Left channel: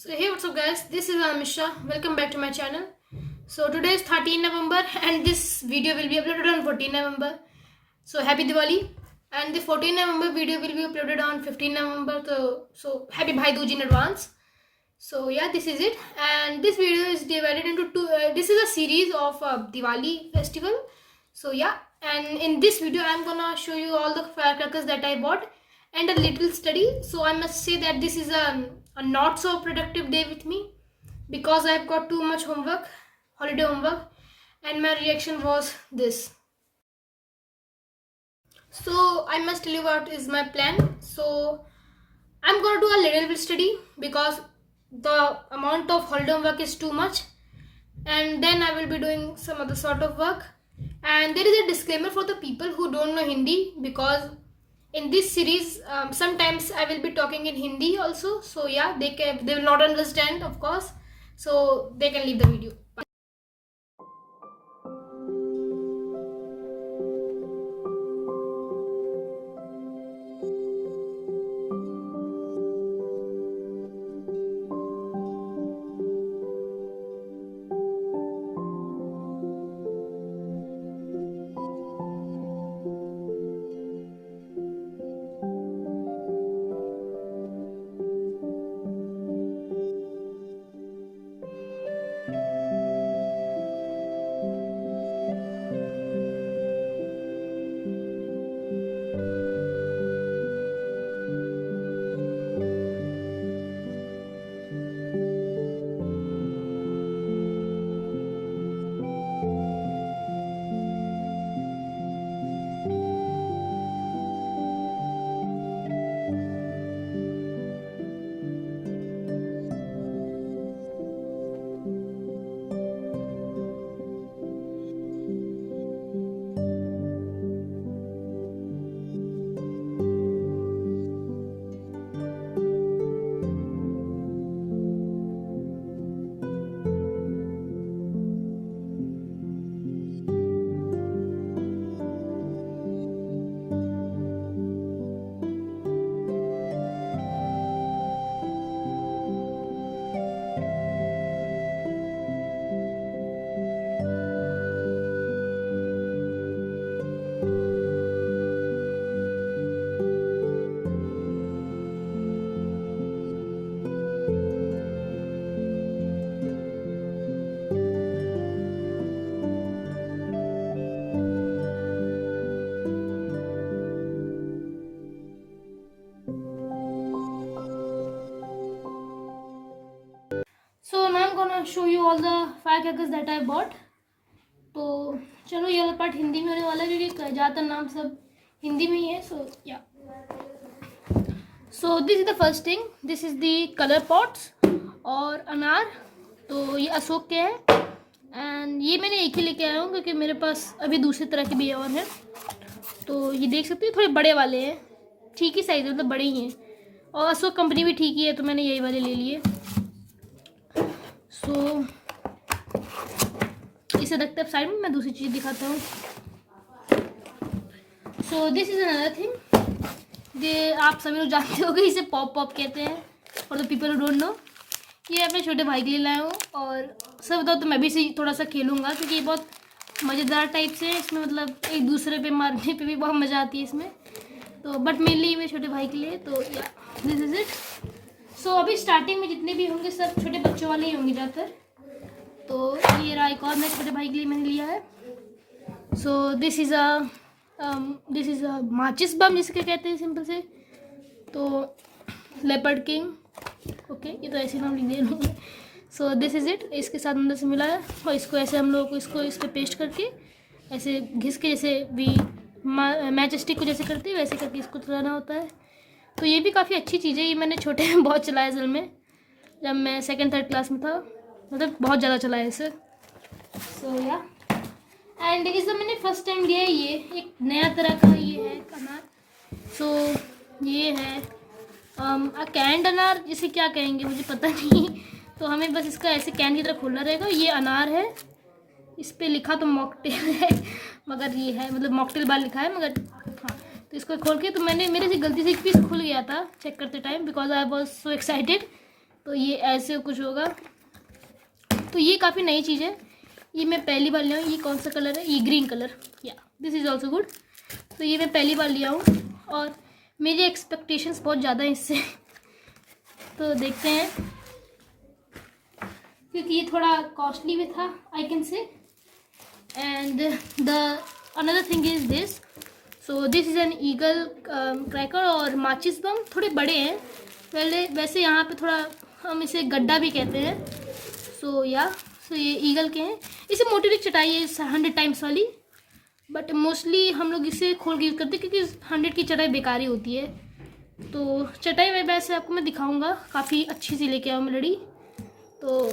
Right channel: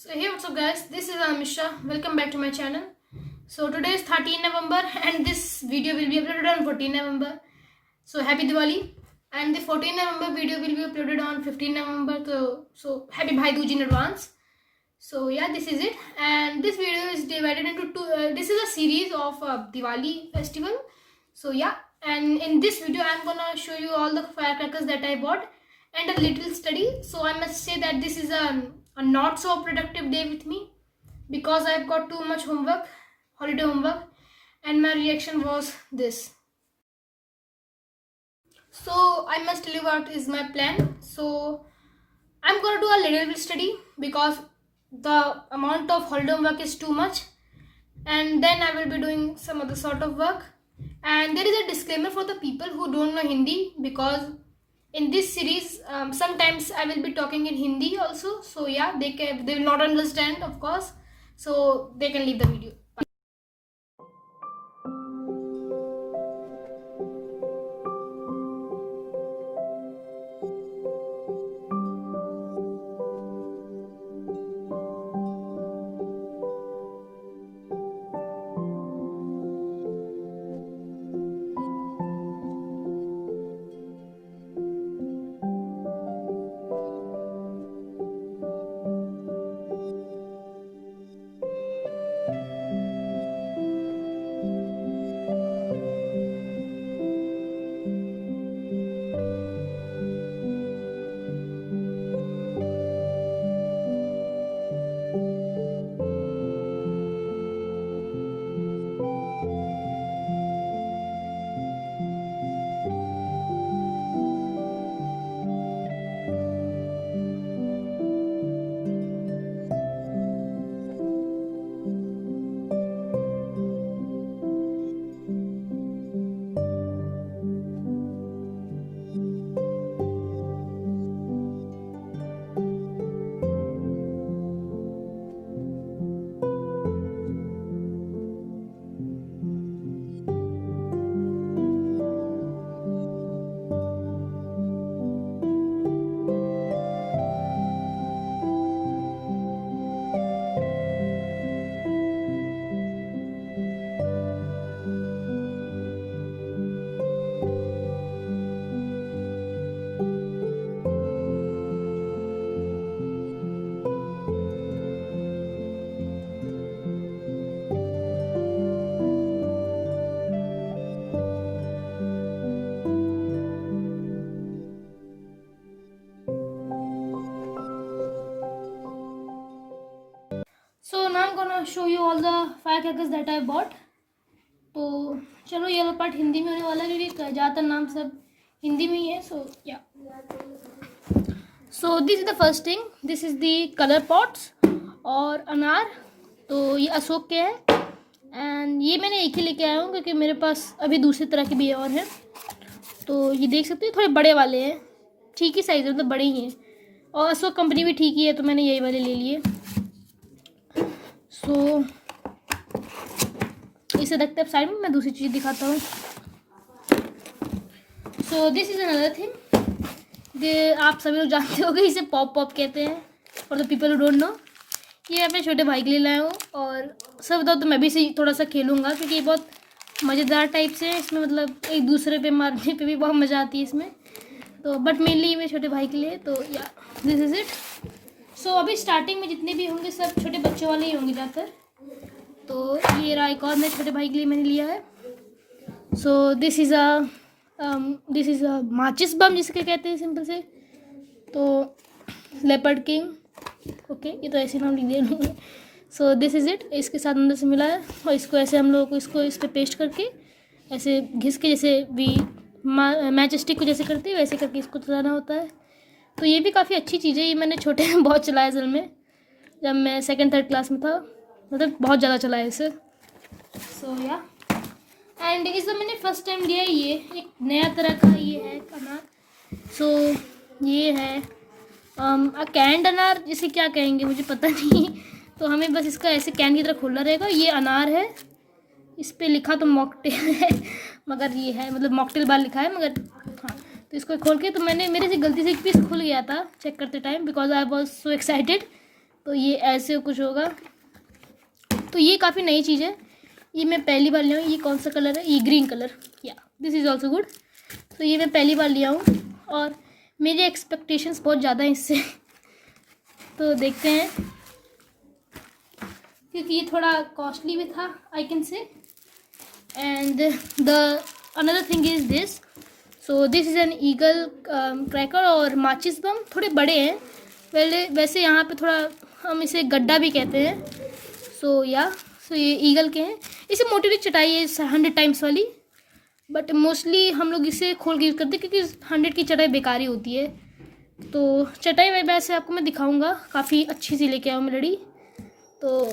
So hey, what's up guys, this is Mishra. Welcome back to my channel. So today is 13 November and this video will be uploaded on 14 November. So happy Diwali, and the 14 November video will be uploaded on 15 November. So happy Bhai Dooj in advance. So yeah, this is it, and this video is divided into two. This is a series of Diwali festival. So yeah, and in this video I'm gonna show you all the firecrackers that I bought and a little study. So I must say that this is a not so productive day with me because I've got too much homework, holiday homework, and my reaction was this. So I must tell you what is my plan. So I'm gonna do a little bit study because the amount of holiday homework is too much, and then I will be doing some other sort of work. And there is a disclaimer for the people who don't know Hindi, because in this series sometimes I will be talking in Hindi also. So yeah, they will not understand, of course, so they can leave the video. So now I'm gonna show you all the firecrackers that I bought. तो चलो ये वाला part Hindi में होने वाला है क्योंकि ज़्यादातर नाम सब हिंदी में ही है. सो या, so this is the first thing. This is the colour pots और अनार. तो ये अशोक के हैं एंड ये मैंने एक ही लेके आया हूँ क्योंकि मेरे पास अभी दूसरी तरह के भी और हैं. तो ये देख सकते हैं, थोड़े बड़े वाले हैं, ठीक ही साइज मतलब बड़े ही हैं, और अशोक कंपनी भी ठीक ही है, तो मैंने यही वाले ले लिए. सो इसे रखते हैं साइड में, मैं दूसरी चीज़ दिखाता हूँ. सो दिस इज़ अनदर थिंग. ये आप सभी लोग जानते होंगे, इसे पॉप पॉप कहते हैं for the people who don't know. ये अपने छोटे भाई के लिए लाया हूँ, और सब बताओ तो मैं भी इसे थोड़ा सा खेलूँगा क्योंकि ये बहुत मज़ेदार टाइप से है. इसमें मतलब एक दूसरे पे मारने पे भी बहुत मज़ा आती है इसमें. तो बट मेनली मेरे छोटे भाई के लिए. तो या, दिस इज़ इट. सो अभी स्टार्टिंग में जितने भी होंगे सब छोटे बच्चों वाले ही होंगे ज़्यादातर. तो ये रहा एक और मेरे छोटे भाई के लिए मैंने लिया है. सो दिस इज़ अ माचिस बम जिसके कहते हैं सिंपल से. तो लेपर्ड किंग, ओके, ये तो ऐसे नाम लिख दिए. सो दिस इज़ इट. इसके साथ अंदर से मिला है, और इसको ऐसे हम लोगों को इसको इस पर पेस्ट करके ऐसे घिस के, जैसे भी मैच स्टिक को जैसे करते हैं वैसे करके इसको चलाना होता है. तो ये भी काफ़ी अच्छी चीज़ है. ये मैंने छोटे में बहुत चलाया असल में, जब मैं सेकंड थर्ड क्लास में था, मतलब बहुत ज़्यादा चलाया इसे. सो या, एंड इस मैंने फर्स्ट टाइम लिया है. ये एक नया तरह का ये है अनार. सो ये है कैंड अनार, इसे क्या कहेंगे मुझे पता नहीं. तो हमें बस इसका ऐसे कैन की तरह खोलना रहेगा. ये अनार है, इस पर लिखा तो मॉकटेल है मगर ये है मतलब मॉकटेल बार लिखा है मगर हाँ. तो इसको खोल के तो मेरे से गलती से एक पीस खुल गया था चेक करते time, because I was so excited तो ये ऐसे कुछ होगा। तो ये काफ़ी नई चीज़ है, ये मैं पहली बार लिया हूँ। ये कौन सा कलर है? ये ग्रीन कलर। या दिस इज़ ऑल्सो गुड। तो ये मैं पहली बार लिया हूँ और मेरी एक्सपेक्टेशंस बहुत ज़्यादा हैं इससे। तो देखते हैं, क्योंकि ये थोड़ा कॉस्टली भी था I can say. And the another thing is this. So this is an eagle cracker और माचिस बम। थोड़े बड़े हैं, पहले वैसे यहाँ पे थोड़ा हम इसे गड्ढा भी कहते हैं। सो ये ईगल के हैं। इसे मोटी चटाई है 100 टाइम्स वाली, बट मोस्टली हम लोग इसे खोल के यूज़ करते हैं क्योंकि 100 की चटाई बेकार ही होती है। तो चटाई में वैसे आपको मैं दिखाऊंगा, काफ़ी अच्छी सी लेके आऊँ मैं लड़ी। तो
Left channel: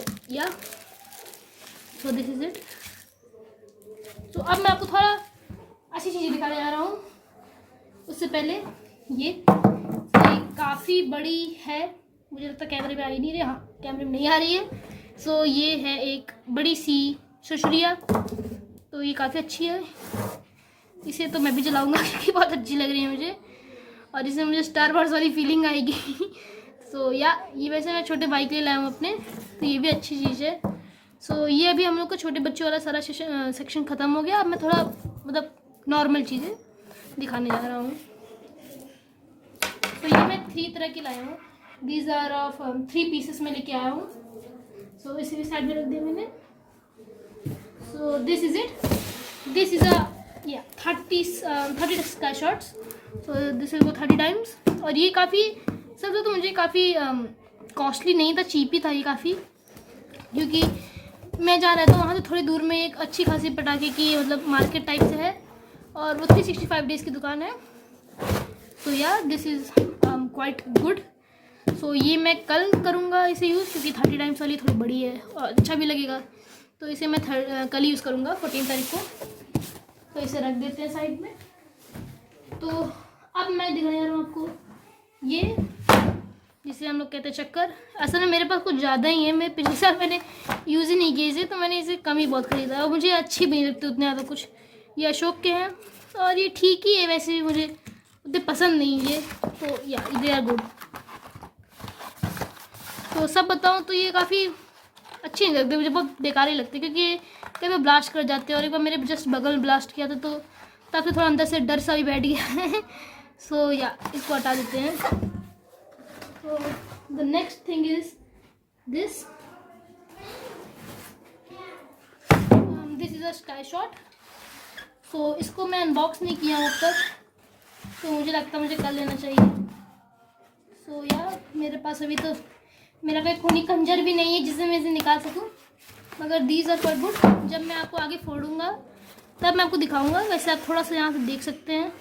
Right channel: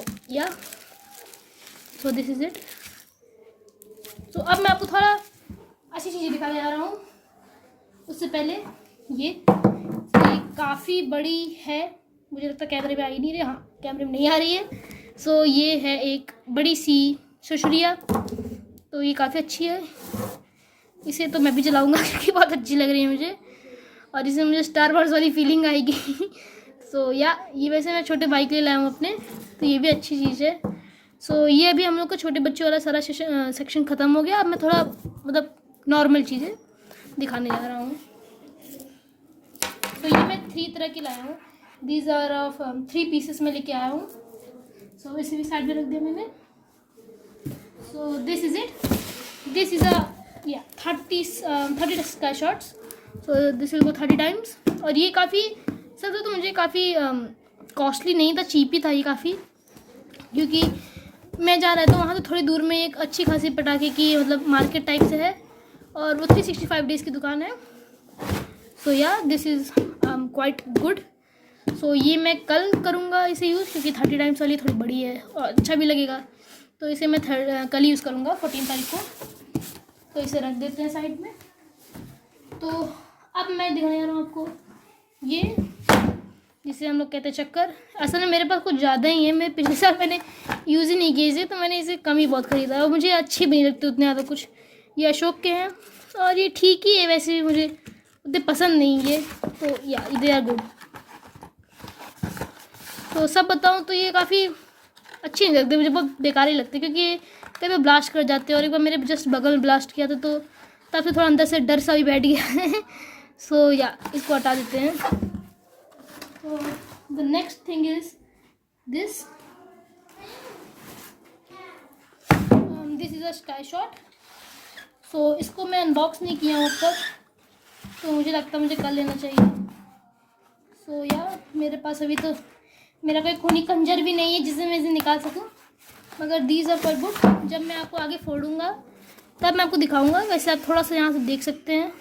सो दिस इज़ इट। तो अब मैं आपको थोड़ा अच्छी चीज़ें दिखाने जा रहा हूँ। उससे पहले ये काफ़ी बड़ी है, मुझे लगता है कैमरे पे आ ही नहीं रही। हाँ, कैमरे में नहीं आ रही है। सो ये है एक बड़ी सी सुरसुरिया। तो ये काफ़ी अच्छी है, इसे तो मैं भी चलाऊँगा क्योंकि बहुत अच्छी लग रही है मुझे, और इसमें मुझे स्टार वॉर्स वाली फीलिंग आएगी। सो ये वैसे मैं छोटे भाई के लिए लाया हूँ अपने, तो ये भी अच्छी चीज़ है। सो ये अभी हम लोग का छोटे बच्चों वाला सारा सेक्शन ख़त्म हो गया। अब मैं थोड़ा मतलब नॉर्मल चीज़ें दिखाने जा रहा हूँ। तो ये मैं 3 तरह की लाया हूँ। दीज आर ऑफ 3 पीसेस में लेके आया हूँ। सो इसे भी साइड में रख दिया मैंने। सो this is it. This is a 30 sky shots. So this will go 30 times. और ये काफ़ी सब तो मुझे काफ़ी कॉस्टली नहीं था, चीप ही था ये काफ़ी, क्योंकि मैं जहाँ रहता हूँ वहाँ तो थोड़ी दूर में एक अच्छी खासी पटाखे की मतलब मार्केट टाइप से है, और वो 365 डेज़ की दुकान है। So this is quite good. So ये मैं कल करूँगा इसे यूज़, क्योंकि 30 टाइम्स वाली थोड़ी बड़ी है और अच्छा भी लगेगा। तो इसे मैं कल यूज़ करूँगा 14 तारीख को। तो इसे रख देते हैं साइड में। तो अब मैं दिखाने जा रहा हूँ आपको ये, जिसे हम लोग कहते हैं चक्कर। असल में मेरे पास कुछ ज़्यादा ही है, मैं पिछले साल मैंने यूज़ ही नहीं किया इसे, तो मैंने इसे कम ही बहुत ख़रीदा और मुझे अच्छी भी नहीं लगती उतने ज़्यादा कुछ। ये अशोक के हैं और ये ठीक ही है, वैसे भी मुझे उतने पसंद नहीं है। तो दे आर गुड। तो सब बताऊँ तो ये काफ़ी अच्छी नहीं लगती, मुझे बहुत बेकार ही लगती है, क्योंकि ये कई बार ब्लास्ट कर जाते हैं और एक बार मेरे जस्ट बगल में ब्लास्ट किया था, तो तब से थोड़ा अंदर से डर सा भी बैठ गया है। सो इसको हटा देते हैं। तो the next thing is this is a sky shot. So इसको मैं अनबॉक्स नहीं किया हूँ अब तक, तो मुझे लगता है मुझे कर लेना चाहिए। सो मेरे पास अभी तो मेरा कोई खूनी खंजर भी नहीं है जिससे मैं इसे निकाल सकूं, मगर दीज आर क्वाइट गुड। जब मैं आपको आगे फोड़ूंगा तब मैं आपको दिखाऊंगा। वैसे आप थोड़ा सा यहाँ से देख सकते हैं।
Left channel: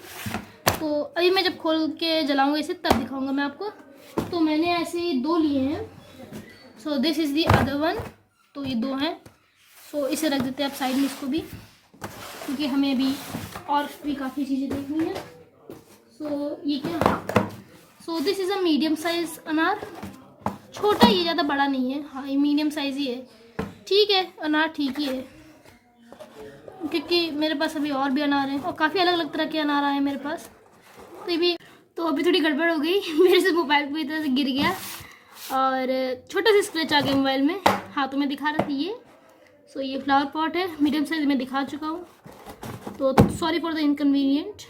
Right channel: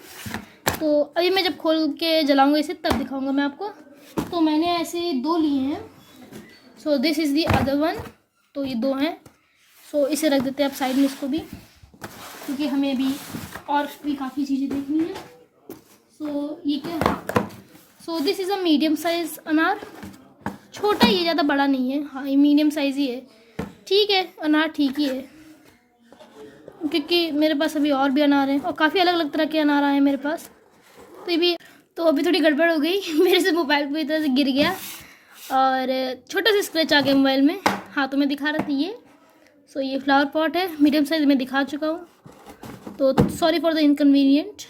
तो अभी मैं जब खोल के जलाऊंगा इसे तब दिखाऊंगा मैं आपको। तो मैंने ऐसे 2 लिए हैं। सो this is the other one. तो ये 2 हैं। सो इसे रख देते हैं आप साइड में, इसको भी, क्योंकि हमें अभी और भी काफ़ी चीज़ें देखनी है। सो ये क्या, सो this is a medium size अनार। छोटा ही है, ज़्यादा बड़ा नहीं है। हाँ, ये मीडियम साइज़ ही है। ठीक है, अनार ठीक ही है, क्योंकि मेरे पास अभी और भी अनार हैं और काफ़ी अलग अलग तरह के अनार आए हैं मेरे पास। तो ये भी, तो अभी थोड़ी गड़बड़ हो गई मेरे से मोबाइल पूरी तरह से गिर गया और छोटा सा स्क्रैच आ गया मोबाइल में। हाँ, तो मैं दिखा रही थी ये। सो ये फ्लावर पॉट है, मीडियम साइज़ में दिखा चुका हूँ, तो सॉरी फॉर द इनकन्वीनियंट।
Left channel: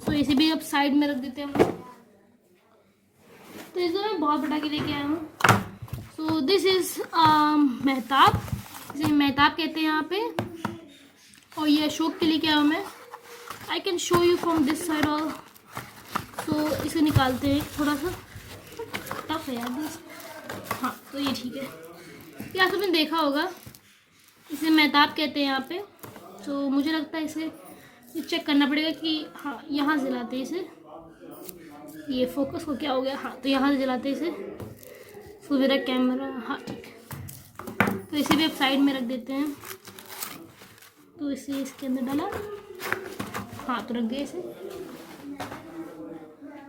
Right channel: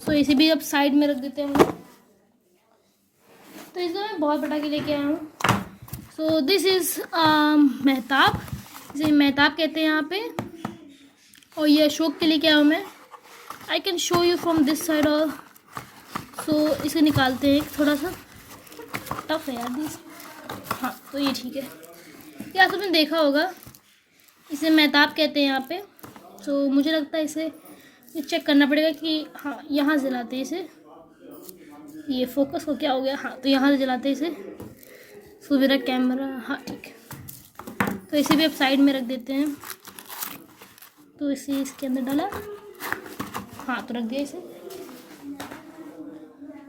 सो इसे भी अब साइड में रख देते हैं हम लोग। तो इसको मैं बहुत पटाखे लेके आया हूँ। सो दिस इज़ मेहताब, इसे मेहताब कहते हैं यहाँ पे। और ये अशोक के लेके आया हूँ मैं। I can show you from this side. और सो इसे निकालते हैं, थोड़ा सा टफ है यार दिस। हाँ, तो ये ठीक है, ये आपने देखा होगा। इसे मेहताब कहते हैं यहाँ पे। तो मुझे लगता है इसे चेक करना पड़ेगा कि हाँ, यहाँ से जलाते हैं इसे। ये फोकस को क्या हो गया? हाँ, तो यहाँ से जलाते हैं इसे। सो मेरा कैमरा, हाँ ठीक है। तो इसे भी अब साइड में रख देते हैं। तो इसे इसके अंदर डाला, हाँ तो रख दिया इसे।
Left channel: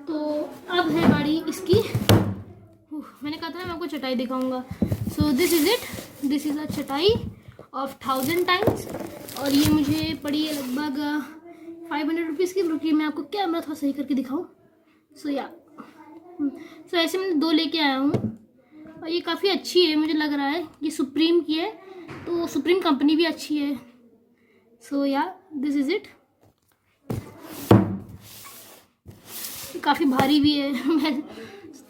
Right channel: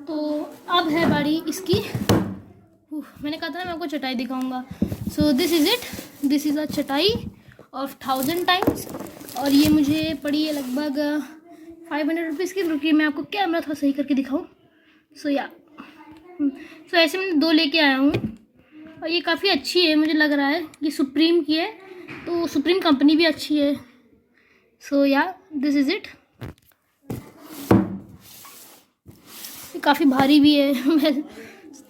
तो अब है बारी इसकी। मैंने कहा था मैं आपको चटाई दिखाऊंगा। सो this is it. This is अ चटाई ऑफ 1000 टाइम्स, और ये मुझे पड़ी है लगभग 500 रुपीज़ की। रुकिए मैं आपको कैमरा थोड़ा सही करके दिखाऊँ। सो ऐसे मैं 2 लेके आया हूँ। और ये काफ़ी अच्छी है, मुझे लग रहा है ये सुप्रीम की है, तो सुप्रीम कंपनी भी अच्छी है। सो या दिस इज़ इट। ये काफ़ी भारी भी है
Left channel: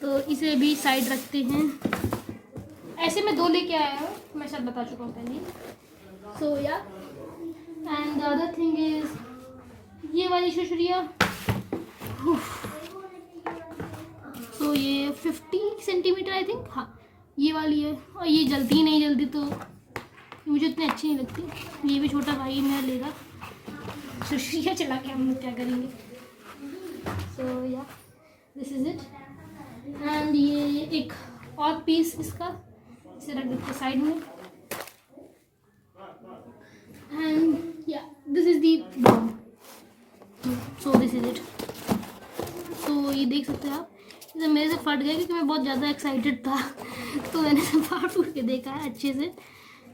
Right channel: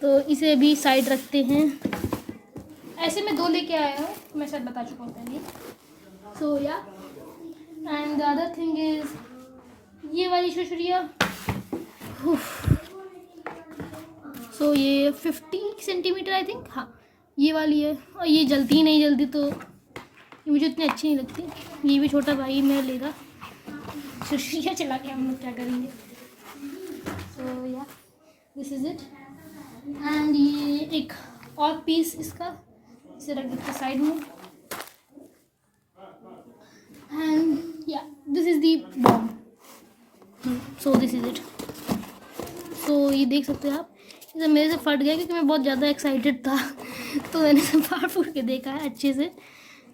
तो इसे भी साइड रखते हैं। ऐसे मैं 2 लेके आया हूँ, मैं शायद बता चुका हूँ पहले। सो या and the other thing is ये वाली शुशुरिया। सो ये 50 सेंटीमीटर आई थिंक, हाँ ये वाली है। और ये जलती नहीं, जल्दी तो मुझे इतनी अच्छी नहीं लगती। ये भी छोटा भाई मैं लेगा, शुशुरिया चला के हम लोग क्या करेंगे। सो या दिस इज़ इट। एंड ये एक और पीस इसका, इसे रख देते साइड में। एंड या this is the bomb. So this is it. So ये देख सकते हैं आप, इसे मेरे से फट गया क्योंकि मैं बहुत ज़्यादा एक्साइटेड था तो मैंने इसे फाड़ फूट के देखा है अच्छे से।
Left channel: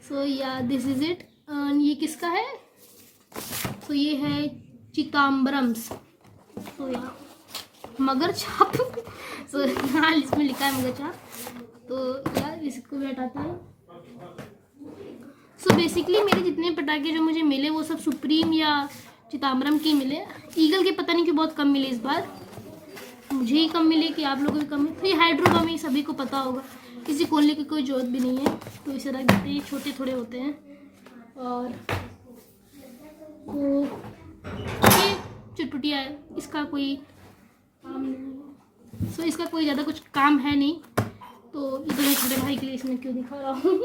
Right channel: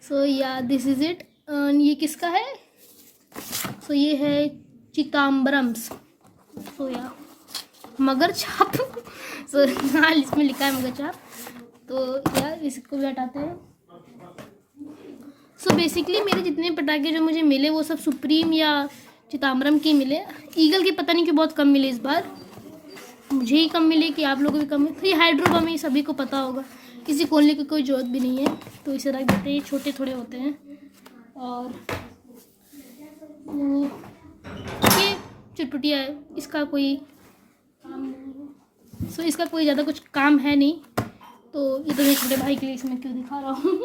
सो या दिस इज़ इट। ये किसका है? सो ये है चिदम्बरम्स। सो या मगर छाप सो हाँ इसमें लिखा है मगर छाप, तो यार इसको भी हटाते हैं। सो बेसिकली मेरे जितने पटाखे जो मुझे मिले वो सब सुप्रीम या चिदम्बरम के मिले। ईगल के पता नहीं क्यों बहुत कम मिले इस बार, मुझे ही कम मिले कि आप लोगों को भी कम मिले। तो ये हाइड्रो बम, ये सभी को पता होगा, किसी खोलने की कोई ज़रूरत भी नहीं है। तो इसे रख देते हैं, छोटे थोड़े होते हैं। और वो ये चुटपुटिया है, इसका कोई काम नहीं है। सो इसका कोई ज़्यादा कुछ काम है नहीं, तो ये तो मैं छोटे भाई के लिए इसमें क्यों दिखा रहा हूँ।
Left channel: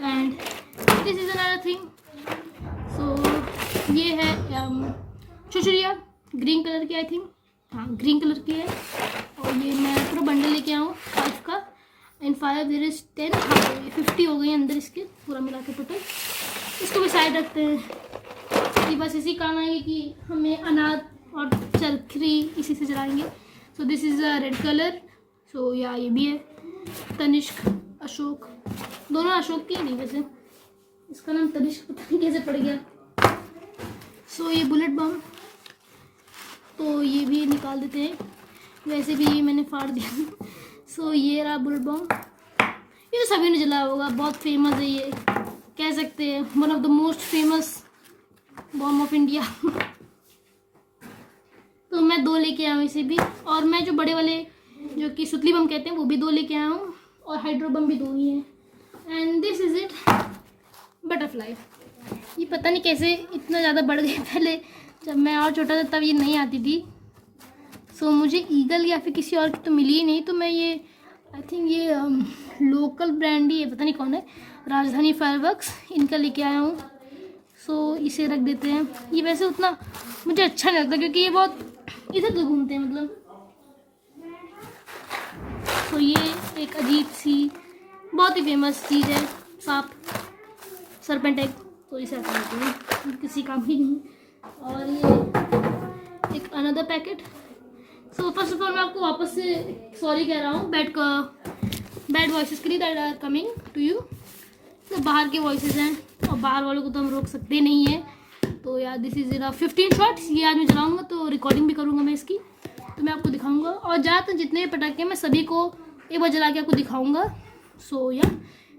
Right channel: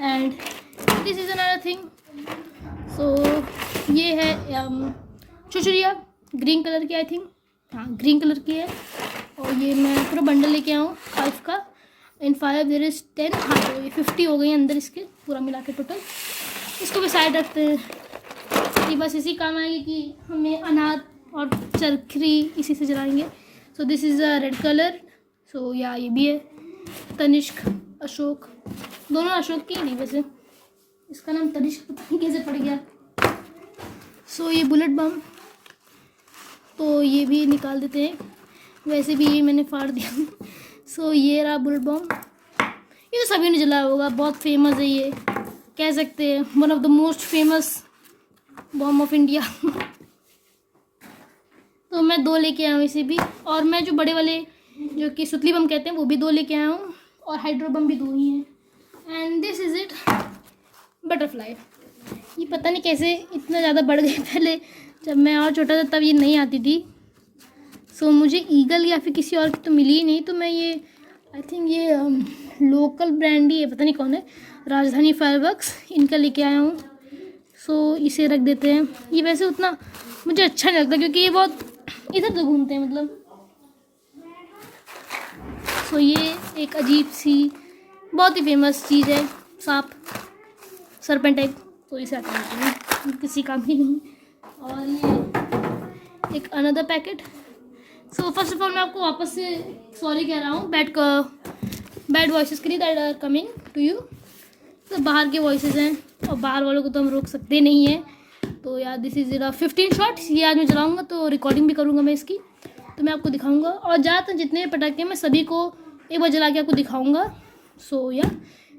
And this is another thing. So ये है शुशुरिया, ग्रीन कलर की आई थिंक, हाँ ग्रीन कलर की है। और ये मैं पूरा बंडल लेके आया हूँ 5 का। इन 5 देयर इज़ 10, हाँ ये 50 हो गई अंदर इसके पूरा मिला के टोटल। इसको भी साइड रखते हैं, ये बस इसी काम आएंगे कि हमें अनार और चरखी इसी से जलाएंगे। So this is a red colour. So या ये भी है तनिष्क, अशोक, दोनों अशोक की नहीं, वैसे इसका नाम तनिष्क पता नहीं कैसे पड़ गया। सो ये बुलेट बम, तो ये भी निकाल देते हैं, वैसे भी ये मैंने फाड़ दिया। सो ये रहा बुलेट बम, ये तो सभी ने जलाया होगा, बहुत फेमस है ये, कह सकते हैं one of the most famous bomb of India. तो मैं 2 लेके आया हूँ इसे भी, और मैं जो बड़े वाले जो कि सुतली बम कहते हैं वो भी 2 लेके आया हूँ, और हाइड्रो बम भी 2 ही हैं। And this is it, butterfly. ये पता नहीं कैसे इतना ज़्यादा बढ़ गए, पहले जब मैं और छोटा था तब ये नहीं आती थी। सो मुझे ईगल या फिर किसी और की तो मिली ही नहीं, तो मैं ये आई थिंक ये लोकल ब्रांड ही है, पता नहीं कौन है, राजधानी फायरवर्क्स, इनका लेके आया हूँ। सो इसे रख देते हैं। ये वैसे उतना मुझे अच्छा नहीं लगता क्योंकि ये बहुत इधर उधर घूमते हैं मतलब। सो ये एक अजीब सी बहुत ही फेमस चीज़ है, सांप, सरपेंट, तो इसे हटा देते हैं, किसी काम ही नहीं। और ये एक another packet. So first of all मैं आपको वापस से सॉरी कह रहा हूँ बैड वॉइसेस के लिए that are coming to you. तो बाहर के वॉइसेस हैं और बाहर वालों को तो हम रोक सकते नहीं हैं। तो यार दिस इज़ 15 शॉट्स, ये आज मैं चलाऊँगा तो रिकॉर्डिंग भी करूँगा मैं इसकी, तो मैं आपको दिखाऊँगा। और ज़्यादातर जितने पटाखे मैं सभी को एक बार जला के आपको दिखाऊँगा। सो या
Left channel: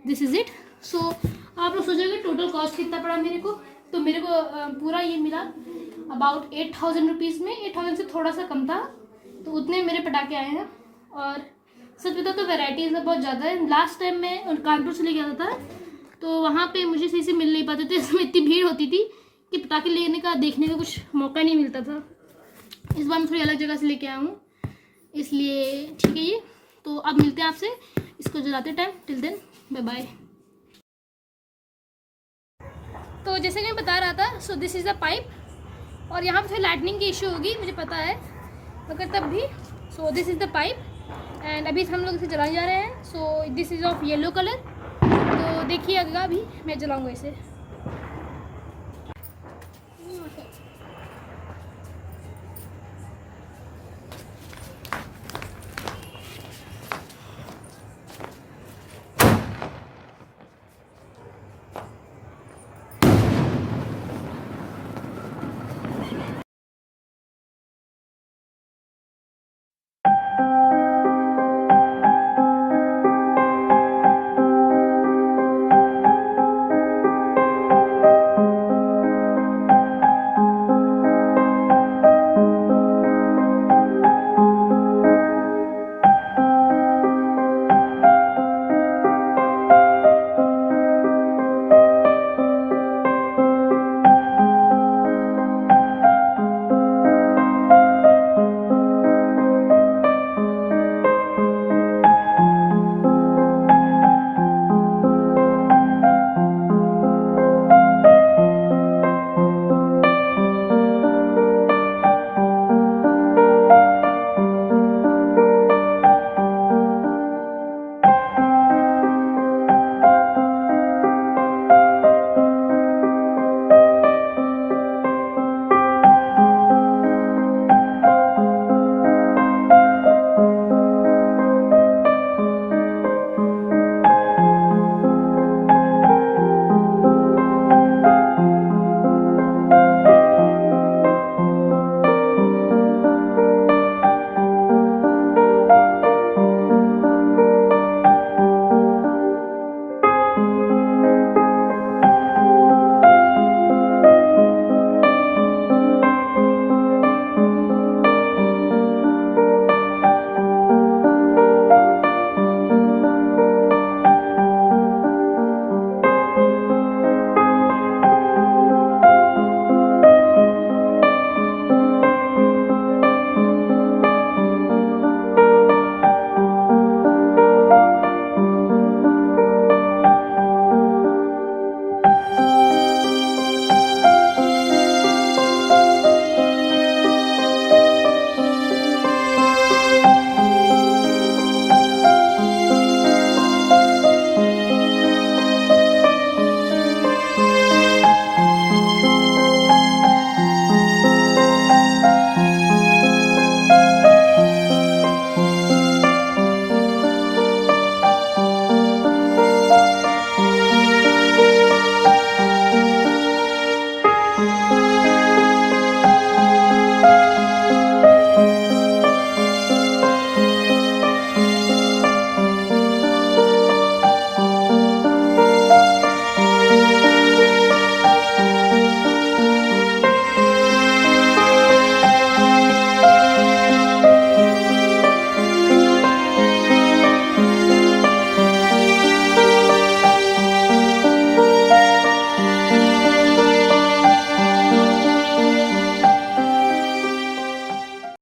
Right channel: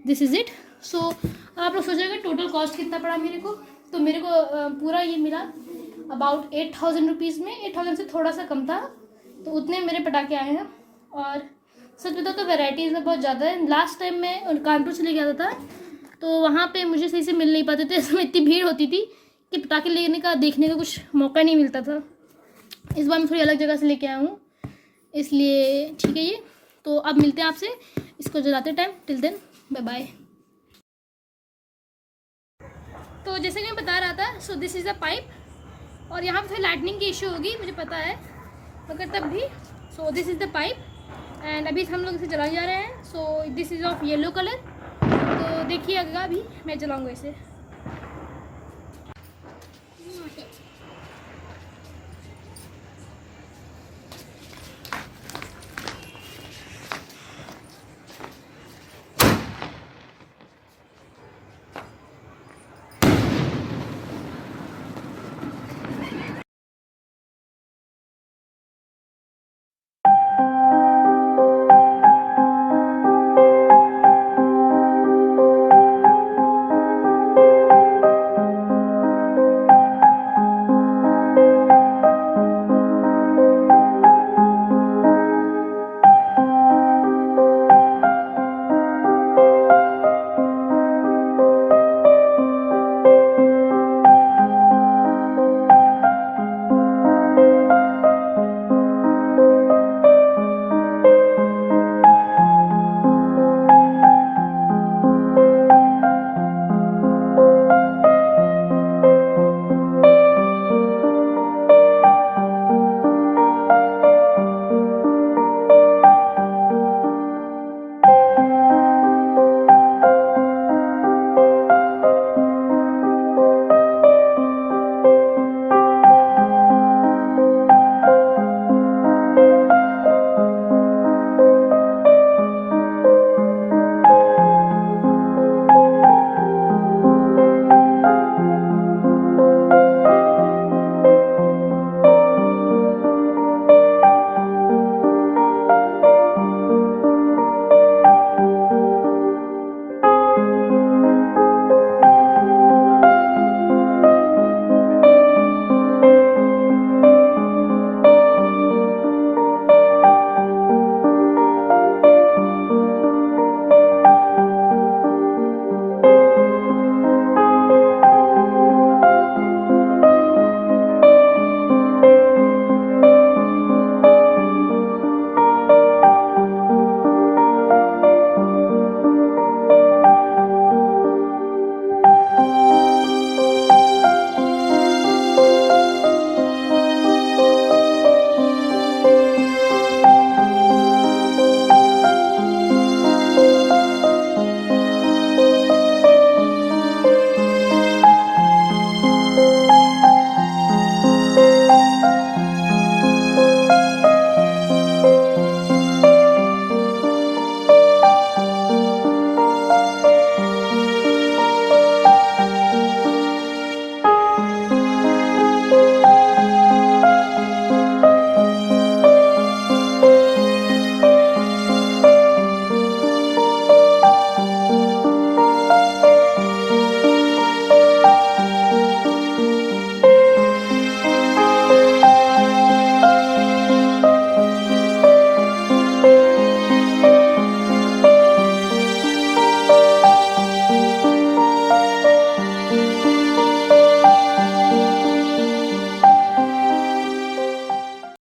दिस इज़ इट। सो आप लोग सोच रहे हो टोटल कॉस्ट कितना पड़ा मेरे को, तो मेरे को पूरा ये मिला अबाउट 8000 रुपीज़ में, 8000 से थोड़ा सा कम था, तो उतने मेरे पटाखे आए हैं। और सच बताओ तो वैरायटीज़ में बहुत ज़्यादा है। लास्ट टाइम मैं कानपुर से लेके आता था तो वहाँ पे मुझे सही से मिल नहीं पाते थे, इसमें इतनी भीड़ होती थी कि पटाखे लेने का देखने का कुछ मौका नहीं मिलता था। इस बार मैं थोड़ी अलग जगह से लेके आया हूँ, इसलिए ठीक है ये। तो अब मिलते हैं आपसे इसको जलाते time, till then bye bye. तो जैसे कि मैं बता रहा था, so this is the pipe, और यहाँ पे थोड़ी लाइटनिंग की इशू होगी मुझे पता है, मगर तब भी। सो this is the pipe and अभी हम लोग इसे जलाने जा रहे हैं। सो this is of yellow colour, तो देखिए अभी मैं जलाऊँगा इसे।